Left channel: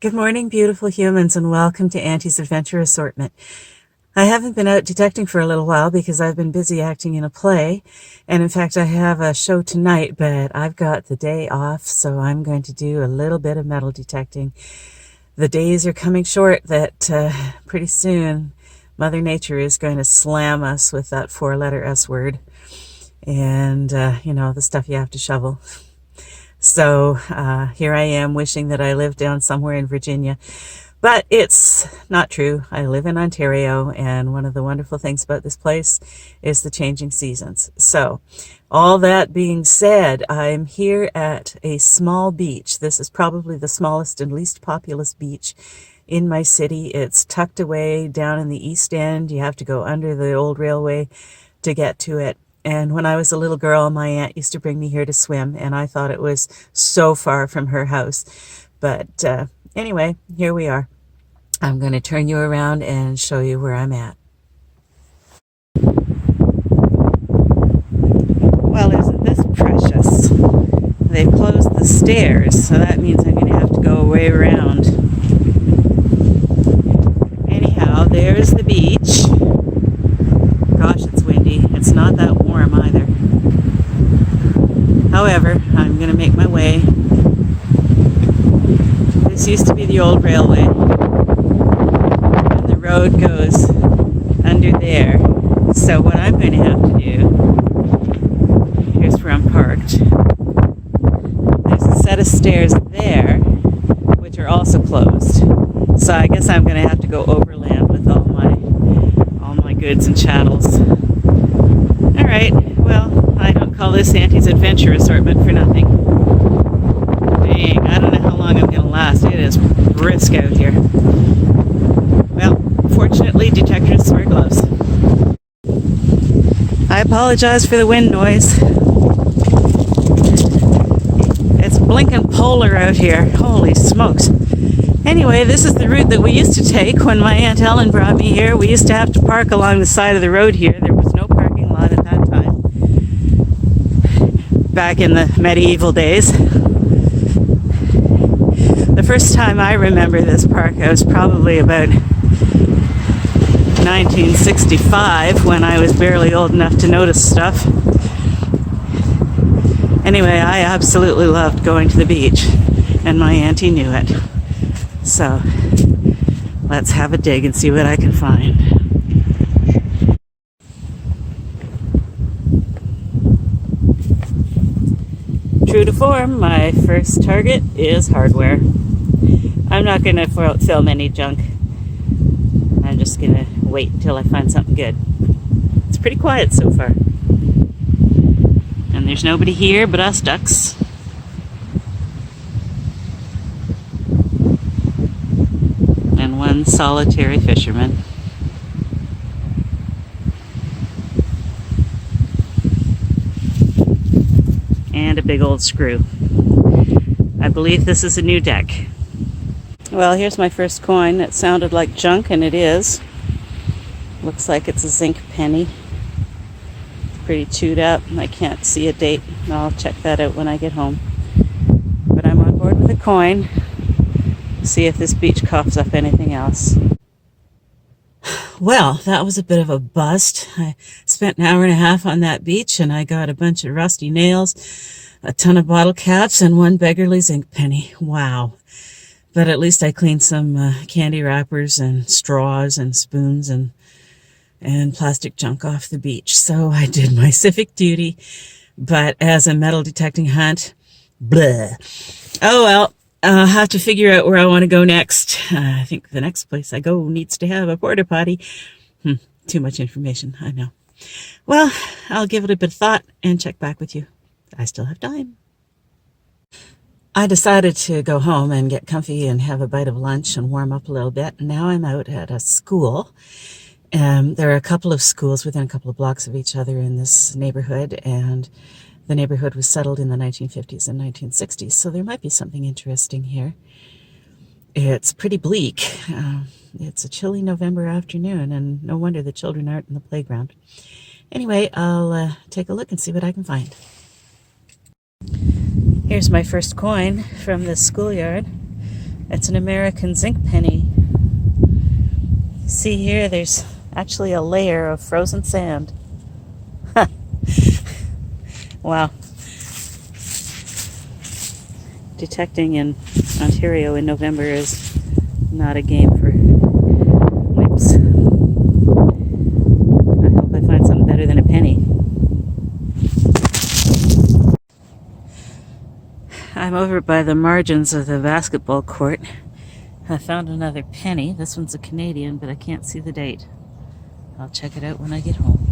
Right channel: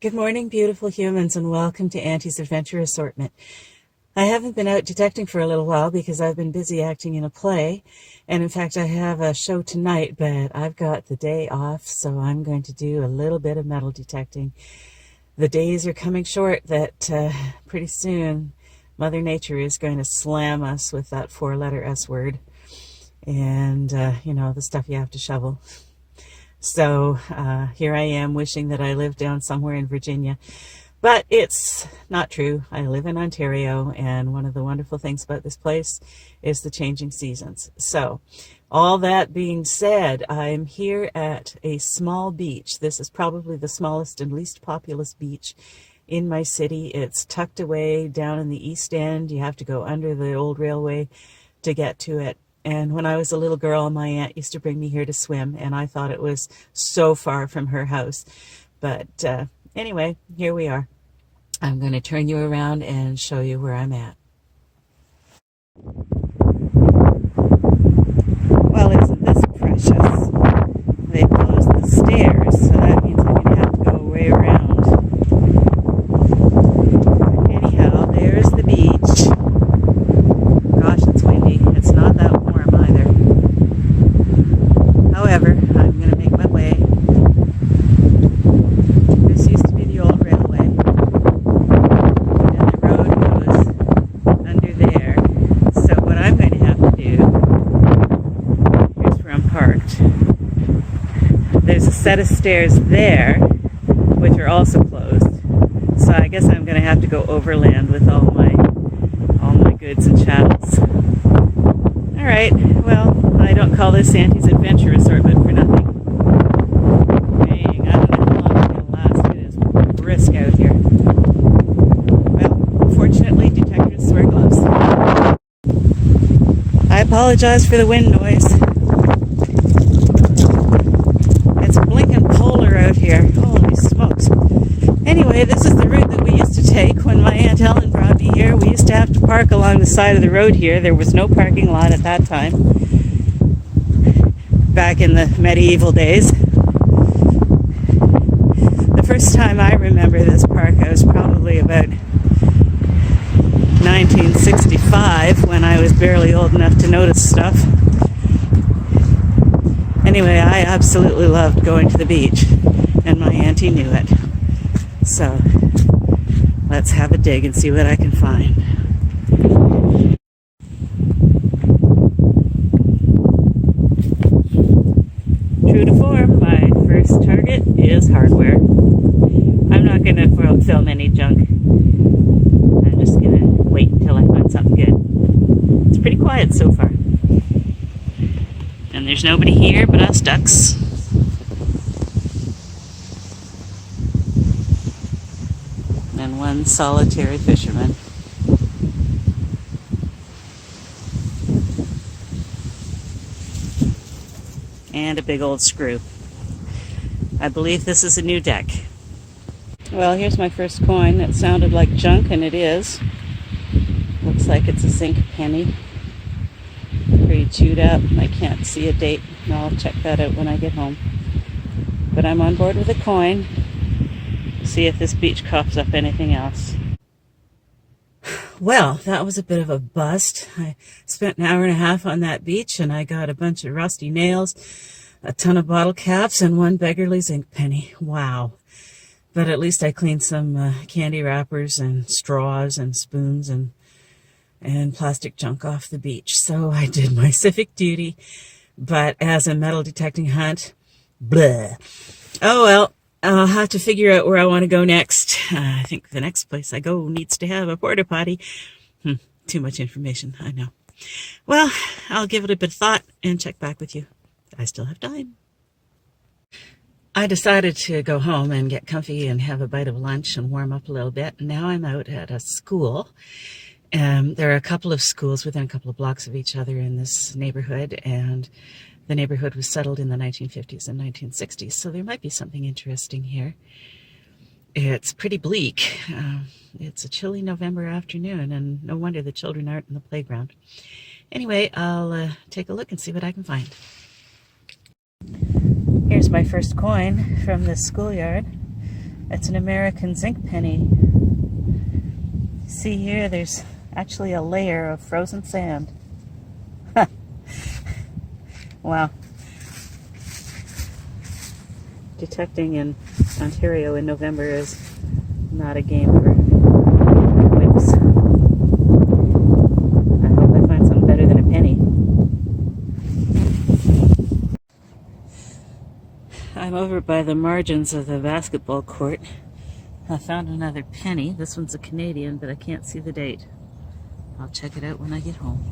Good morning, beautiful humans, and welcome to Antie's Adventure Assortment. I haven't been out detecting for a little while because I've been busy acting in a play, and in fact I have a show tonight, but I've got the day off, so I'm going to do a little bit of metal detecting. The days are coming short that pretty soon Mother Nature is going to slam us with that four-letter S word, and the stuff you have to shovel. So here I am wishing that I lived down somewhere in Virginia. But it's not true. I live in Ontario, and one of the wonderful things about this place is the changing seasons. So all that being said, I'm here at a small beach. This is probably the smallest and least populous beach in my city. It's tucked away down in the East End. You have to go under the old railway to get to it. And when I was a little girl, my aunt used to bring me here to swim, and I thought it was so far from her house. But anyway, here we are. I'm going to turn you around and show you where I'm at. Well, isn't this precious? They've closed the stairs, so that means I'm going to have to go way around. Anyhow, there's the beach. Gosh, it's windy. It's not that warm either. However, I'm going to make my way. This used to be the old railway, and the road goes under there. So what I'm going to have to do, here's where I'm parked. There's a set of stairs there, which are also closed. So I guess I'm going to have to go overland with all my goods and chattels. All right, well, I don't call this Antie's Adventure Assortment for nothing. Dang, I don't know how long I'm going to last. It is brisk out here. Well, fortunately, detectors wear gloves. I apologize for the wind noise. It's blinking polar out here. Holy smokes. Anyway, this is the route that we used to take when my Aunt Ellen brought me here. We used to have to park along the side of the road here. There was no parking lot at that time, back in the medieval days. The first time I remember this park, I was probably about 1965, when I was barely old enough to notice stuff. Anyway, I absolutely loved going to the beach, and my auntie knew it. So let's have a dig and see what I can find. True to form, my first target is hardware. I'm not going to film any junk. I'm just going to wait until I find something good. It's pretty quiet so far. And there's nobody here but us ducks. And one solitary fisherman. And a big old screw. I believe this is a new deck. Well, here's my first coin. It sounded like junk, and it is. Looks like it's a zinc penny. Pretty chewed up. I can't see a date. I'll check that out when I get home. But I'm on board with a coin. See if this beach coughs up anything else. Well, that was a bit of a bust. I spent an hour and a half on that beach, and I got a bunch of rusty nails, a ton of bottle caps, and one beggarly zinc penny. Wow. But at least I cleaned some candy wrappers and straws and spoons and plastic junk off the beach. So I did my civic duty. But as a metal detecting hunt, bleh. Oh well. I'll have to figure out where I want to go next. I think the next place I go needs to have a porta potty. Too much information, I know. Well, I'll give it a bit of thought and check back with you. I still have time. I decided to go home and get comfy and have a bite of lunch and warm up a little bit. Now I'm out at a school. There are a couple of schools within a couple of blocks of each other in this neighborhood, and the neighborhood was settled in the 1950s and 1960s, so there might be something interesting here. It's pretty bleak. It's a chilly November afternoon, and no wonder the children aren't in the playground. Anyway, I'll take a look and see what I can find. Here's my first coin from this schoolyard. It's an American zinc penny. See here, there's actually a layer of frozen sand. Wow. Detecting in Ontario in November is not a game for wimps. I hope I find something better than a penny. I'm over by the margins of the basketball court. I found another penny. This one's a Canadian, but I can't see the date. I'll check it out when I get home.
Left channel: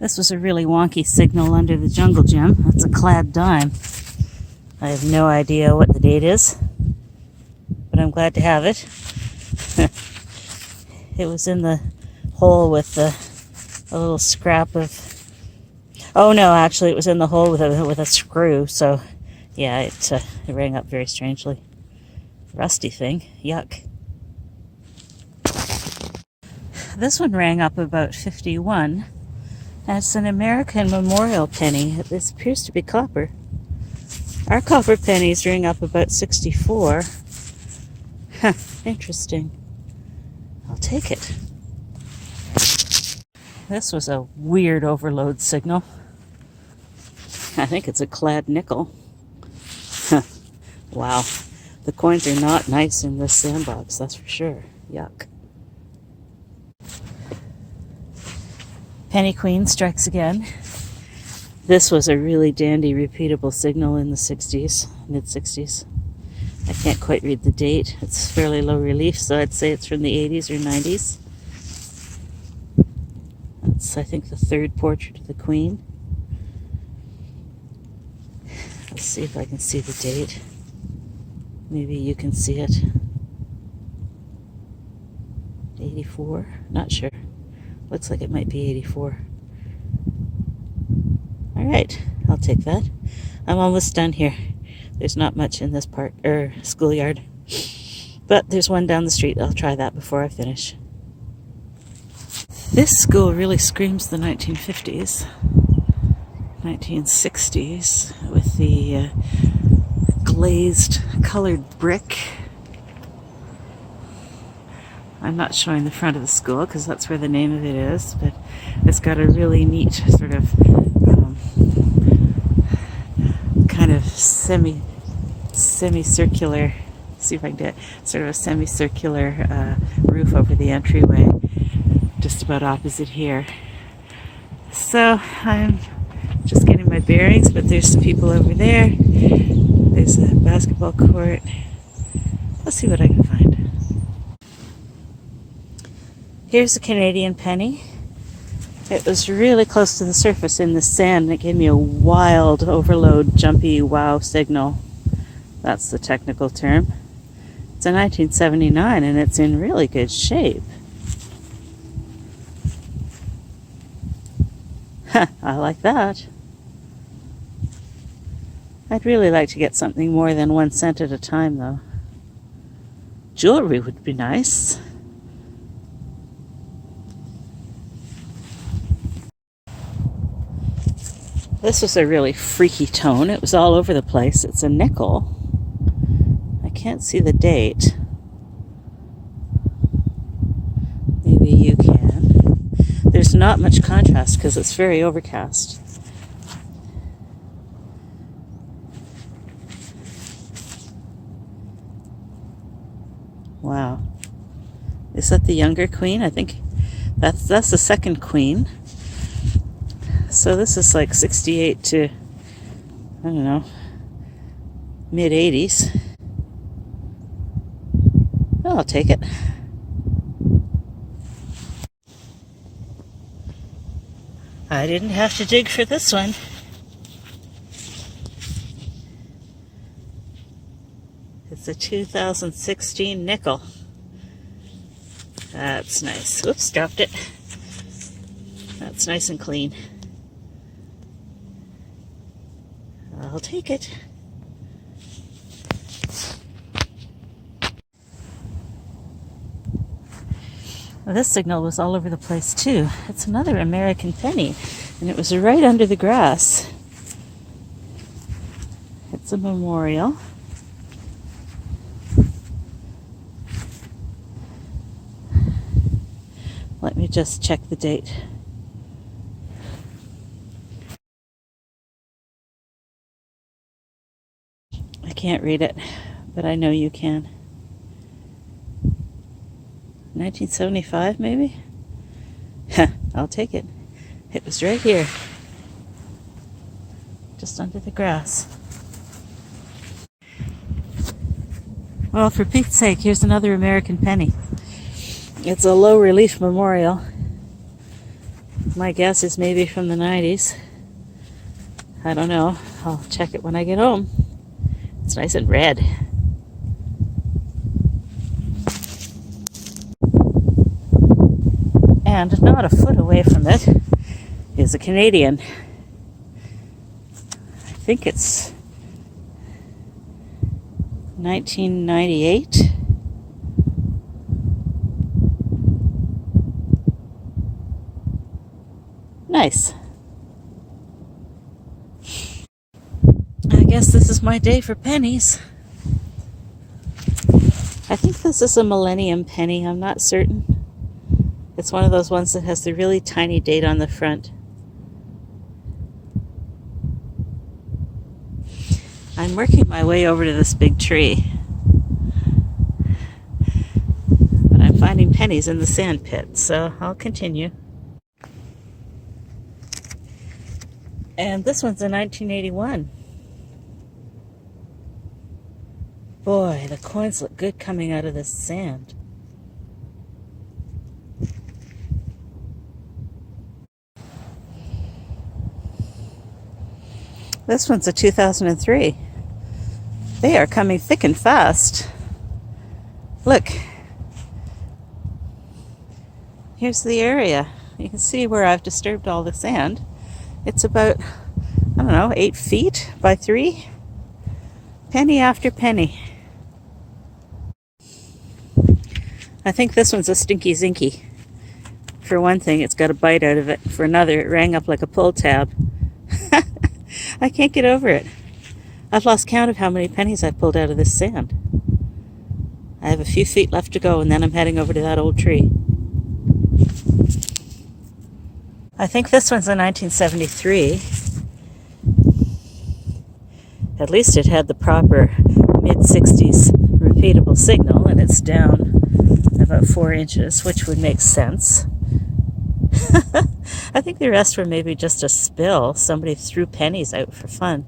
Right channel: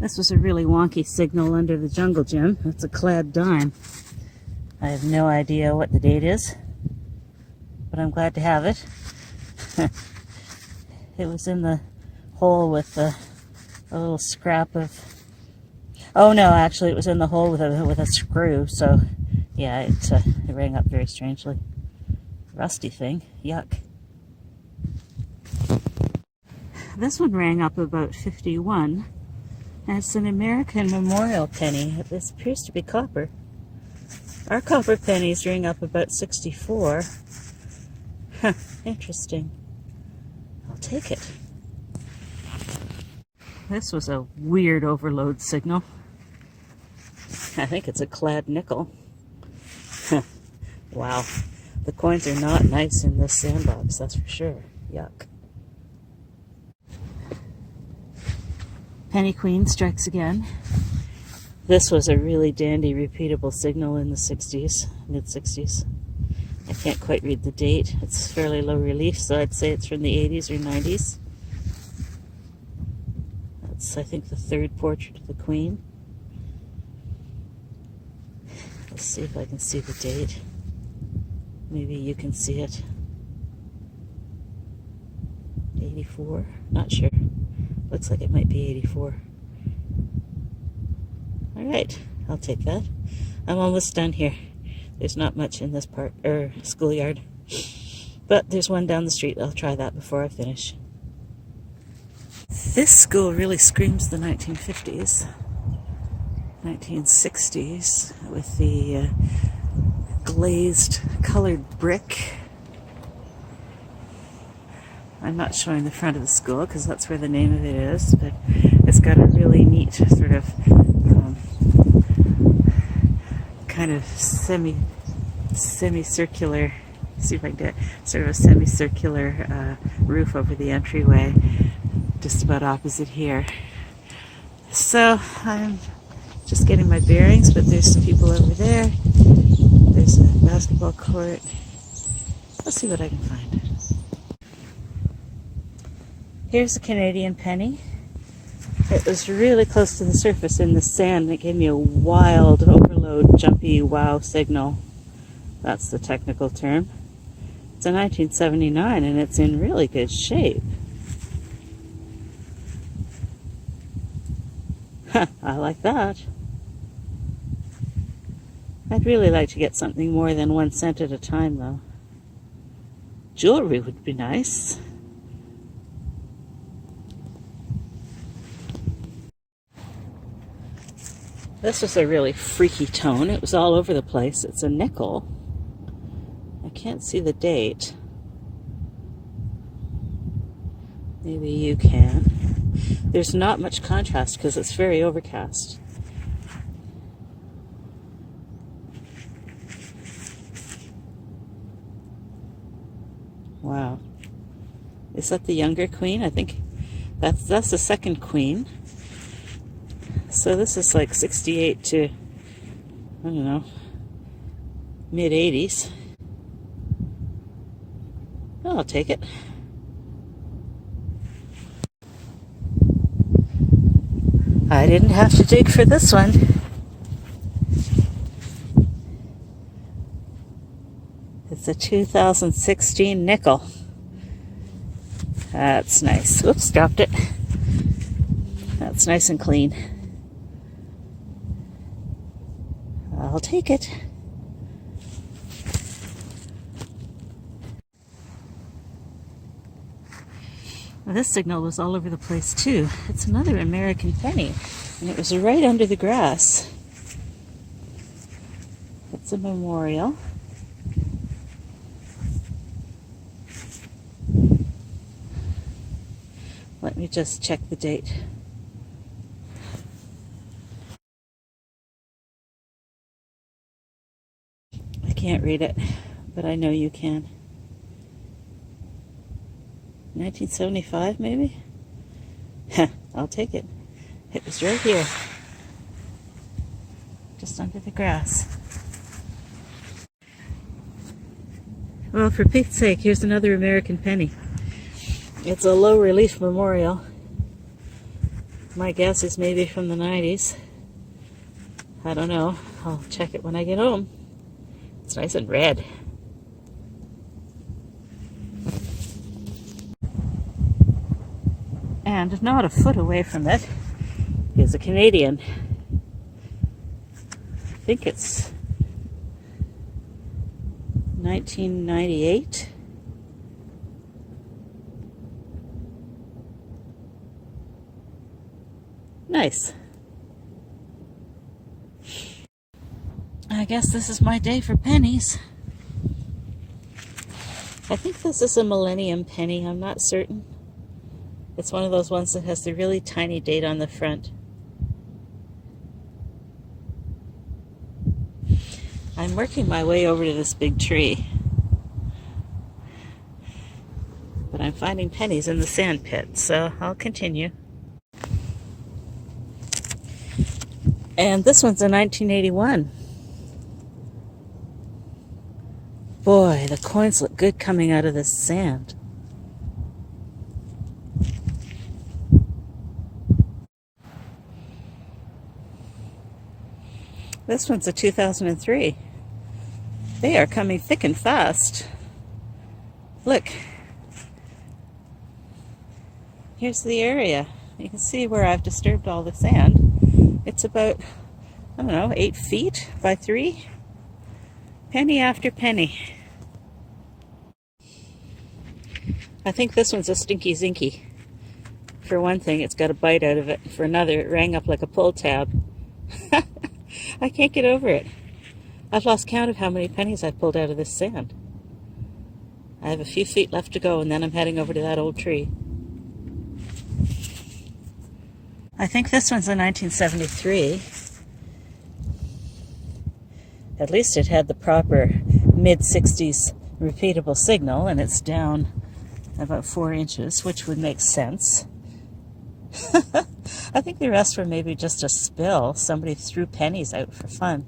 This was a really wonky signal under the jungle gym. That's a clad dime. I have no idea what the date is, but I'm glad to have it. It was in the hole with a little scrap of... Oh no, actually it was in the hole with a screw, so yeah, it rang up very strangely. Rusty thing, yuck. This one rang up about 51. And it's an American memorial penny. This appears to be copper. Our copper pennies ring up about 64. Huh, interesting. I'll take it. This was a weird overload signal. I think it's a clad nickel. Wow. The coins are not nice in this sandbox, that's for sure. Yuck. Penny Queen strikes again. This was a really dandy repeatable signal in the 60s, mid-60s. I can't quite read the date. It's fairly low relief, so I'd say it's from the 80s or 90s. That's, I think, the third portrait of the Queen. Let's see if I can see the date. Maybe you can see it. 84? Not sure. Looks like it might be 84. All right, I'll take that. I'm almost done here. There's not much in this schoolyard, but there's one down the street. I'll try that before I finish. This school really screams the 1950s, 1960s, with the glazed colored brick. I'm not showing the front of the school because that's where the name of it is, but it's got a really neat sort of kind of semicircular, see if I can get sort of a semicircular roof over the entryway, just about opposite here. So I'm just getting my bearings, but there's some people over there. There's a basketball court. Let's see what I can find. Here's a Canadian penny. It was really close to the surface in the sand, and it gave me a wild overload, jumpy wow signal. That's the technical term. It's a 1979, and it's in really good shape. I like that. I'd really like to get something more than 1 cent at a time, though. Jewelry would be nice. This was a really freaky tone. It was all over the place. It's a nickel. I can't see the date. Maybe you can. There's not much contrast because it's very overcast. Wow. Is that the younger queen? I think that's the second queen. So this is like 68 to, I don't know, mid-80s. Oh, I'll take it. I didn't have to dig for this one. It's a 2016 nickel. That's nice. Oops, dropped it. That's nice and clean. I'll take it. Well, this signal was all over the place too. It's another American penny, and it was right under the grass. It's a memorial. just check the date. I can't read it, but I know you can. 1975, maybe? I'll take it. It was right here, just under the grass. Well, for Pete's sake, here's another American penny. It's a low relief memorial. My guess is maybe from the 90s. I don't know. I'll check it when I get home. It's nice and red. And not a foot away from it is a Canadian. I think it's 1998. Nice. I guess this is my day for pennies. I think this is a Millennium penny. I'm not certain. It's one of those ones that has the really tiny date on the front. I'm working my way over to this big tree. But I'm finding pennies in the sand pit, so I'll continue. And this one's a 1981. Boy, the coins look good coming out of this sand. This one's a 2003. They are coming thick and fast. Look. Here's the area. You can see where I've disturbed all the sand. It's about, I don't know, 8 feet by 3. Penny after penny. I think this one's a Stinky Zinky. For one thing, it's got a bite out of it. For another, it rang up like a pull tab. I can't get over it. I've lost count of how many pennies I've pulled out of this sand. I have a few feet left to go, and then I'm heading over to that old tree. I think this one's a 1973. At least it had the proper mid-60s repeatable signal, and it's down about 4 inches, which would make sense. I think the rest were maybe just a spill. Somebody threw pennies out for fun.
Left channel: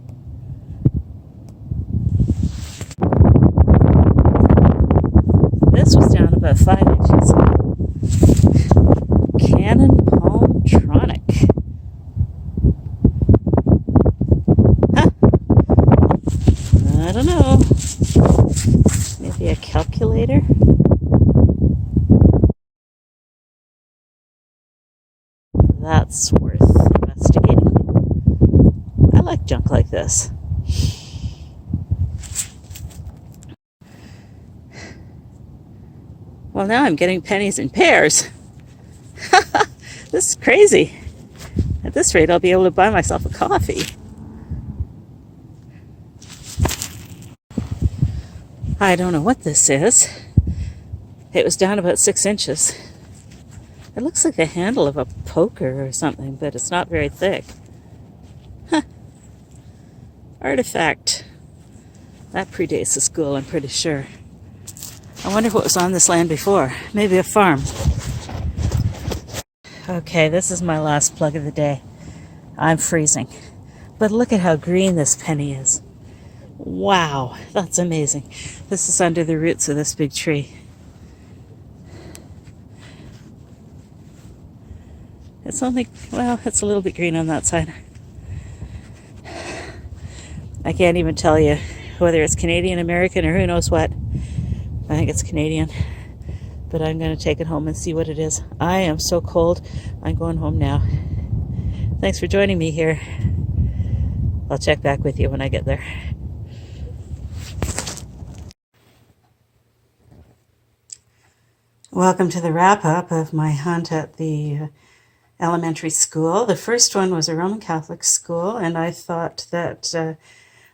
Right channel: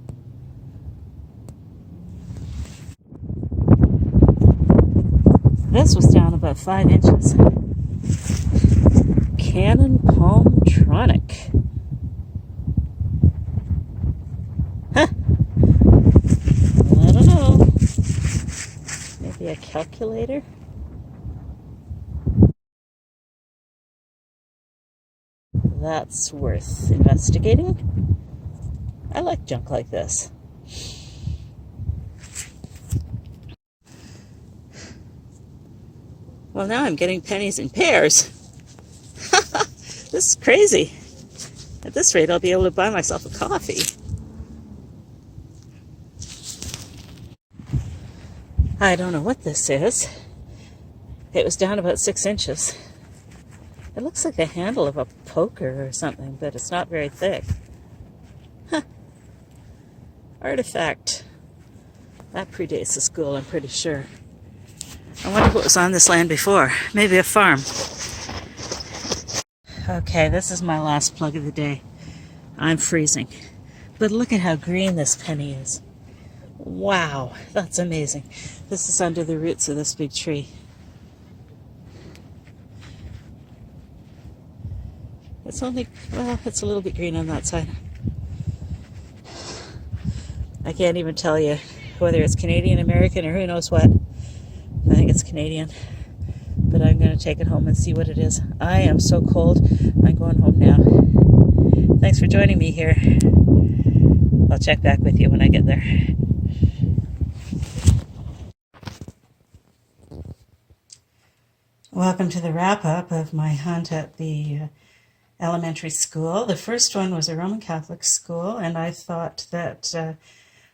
This was down about 5 inches. Canon Palmtronic. Huh. I don't know. Maybe a calculator? That's worth investigating. I like junk like this. Well, now I'm getting pennies in pairs. This is crazy. At this rate, I'll be able to buy myself a coffee. I don't know what this is. It was down about 6 inches. It looks like the handle of a poker or something, but it's not very thick. Huh. Artifact. That predates the school, I'm pretty sure. I wonder what was on this land before. Maybe a farm. Okay, this is my last plug of the day. I'm freezing. But look at how green this penny is. Wow, that's amazing. This is under the roots of this big tree. It's only, well, it's a little bit green on that side. I can't even tell you whether it's Canadian, American, or who knows what. I think it's Canadian. But I'm going to take it home and see what it is. I am so cold. I'm going home now. Thanks for joining me here. I'll check back with you when I get there. Welcome to the wrap-up of my hunt at the elementary school. The first one was a Roman Catholic school, and I thought that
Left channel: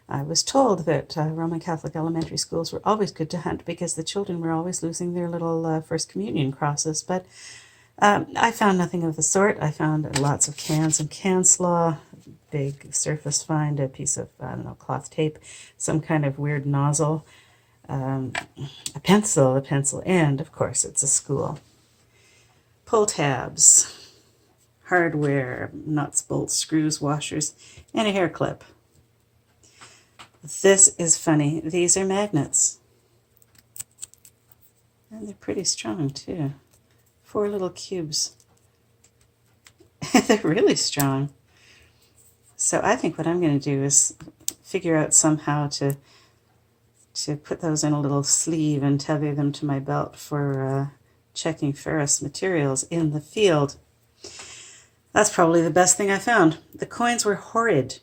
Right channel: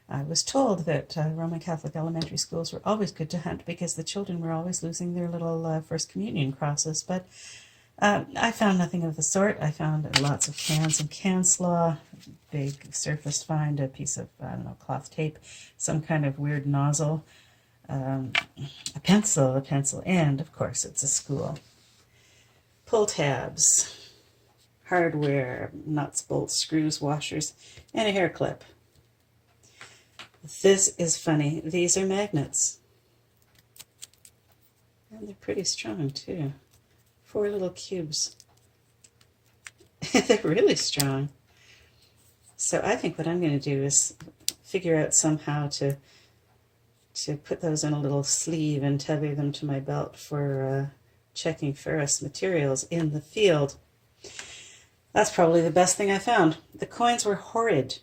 I was told that Roman Catholic elementary schools were always good to hunt because the children were always losing their little First Communion crosses. But I found nothing of the sort. I found lots of cans and can slaw, big surface find, a piece of, I don't know, cloth tape, some kind of weird nozzle, a pencil, and of course it's a school. Pull tabs, hardware, nuts, bolts, screws, washers, and a hair clip. This is funny. These are magnets. And they're pretty strong too. 4 little cubes. They're really strong. So I think what I'm going to do is figure out somehow to put those in a little sleeve and tether them to my belt for checking ferrous materials in the field. That's probably the best thing I found. The coins were horrid.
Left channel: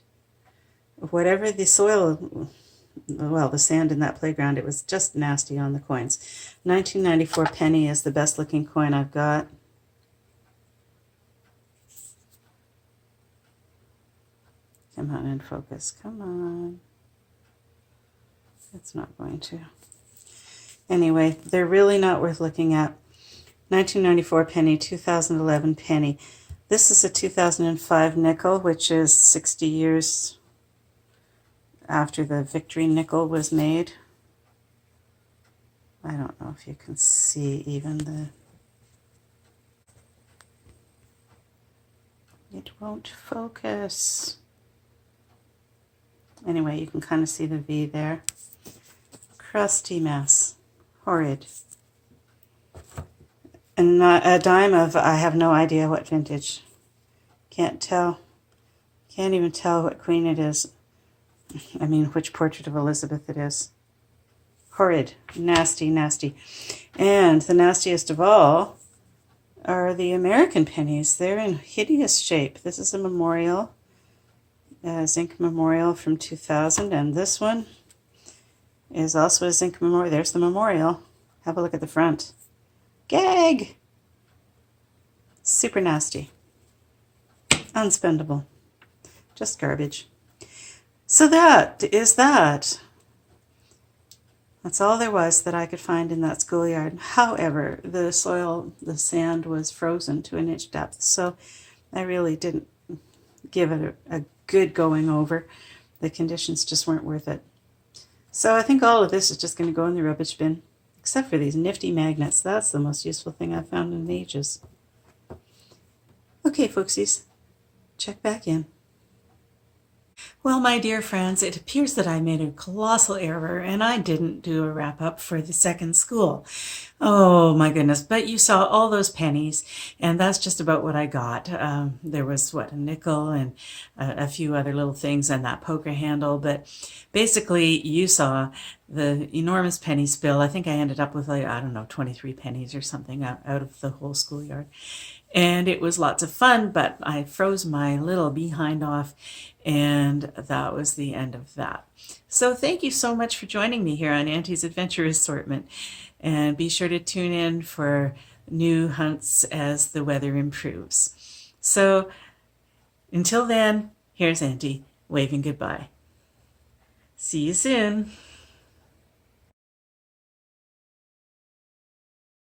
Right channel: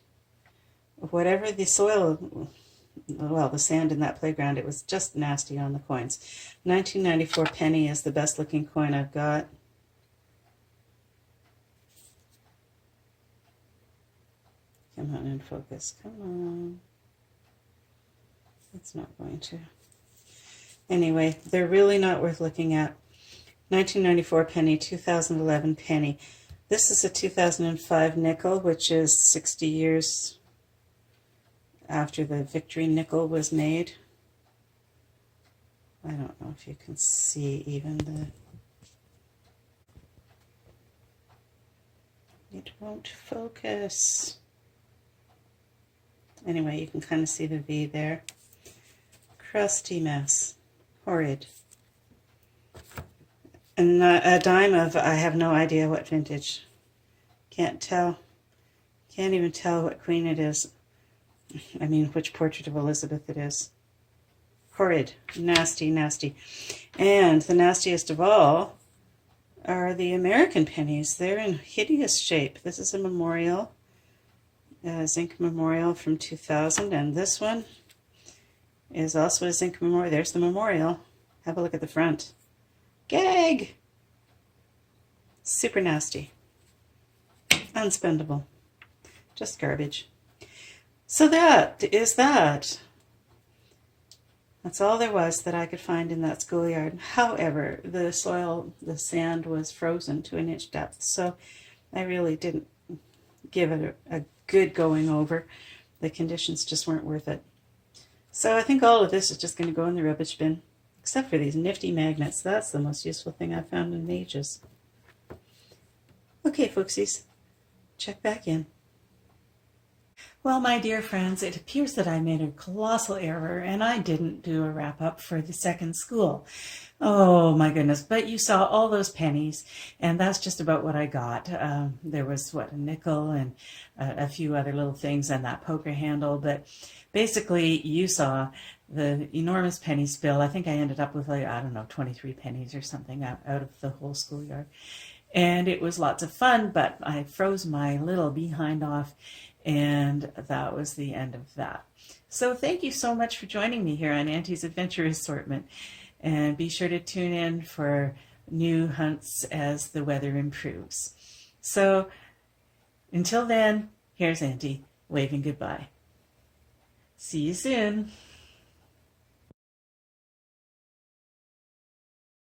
Whatever the soil, well, the sand in that playground, it was just nasty on the coins. 1994 penny is the best looking coin I've got. Come on and focus. Come on. It's not going to. Anyway, they're really not worth looking at. 1994 penny, 2011 penny. This is a 2005 nickel, which is 60 years after the Victory nickel was made. I don't know if you can see even the... It won't focus. Anyway, you can kind of see the V there. Crusty mess. Horrid. And a dime of, I have no idea what vintage. Can't tell. Can't even tell what queen it is. I mean, which portrait of Elizabeth it is. Horrid. Nasty, nasty. And the nastiest of all are the American pennies. They're in hideous shape. This is a memorial, zinc memorial from 2000, and this one is also a zinc memorial. There's the memorial. Have a look at the front. Gag! Super nasty. Unspendable. Just garbage. So that is that. That's all there was that I could find in that schoolyard. However, the soil, the sand was frozen to an inch depth, so I really didn't give it a good going over. The conditions just weren't worth it. So I think all of this is just going to go in the rubbish bin, except for these nifty magnets. That's the most useful thing I've found in ages. Okay, folksies, check back in. Well, my dear friends, it appears that I made a colossal error and I didn't do a wrap-up for the second school. Oh my goodness, but you saw all those pennies and that's just about what I got. There was, what, a nickel and a few other little things and that poker handle, but basically you saw the enormous penny spill. I think I ended up with, like, I don't know, 23 pennies or something out of the whole schoolyard. And it was lots of fun, but I froze my little behind off, and that was the end of that. So thank you so much for joining me here on Antie's Adventure Assortment. And be sure to tune in for new hunts as the weather improves. So until then, here's Antie waving goodbye. See you soon.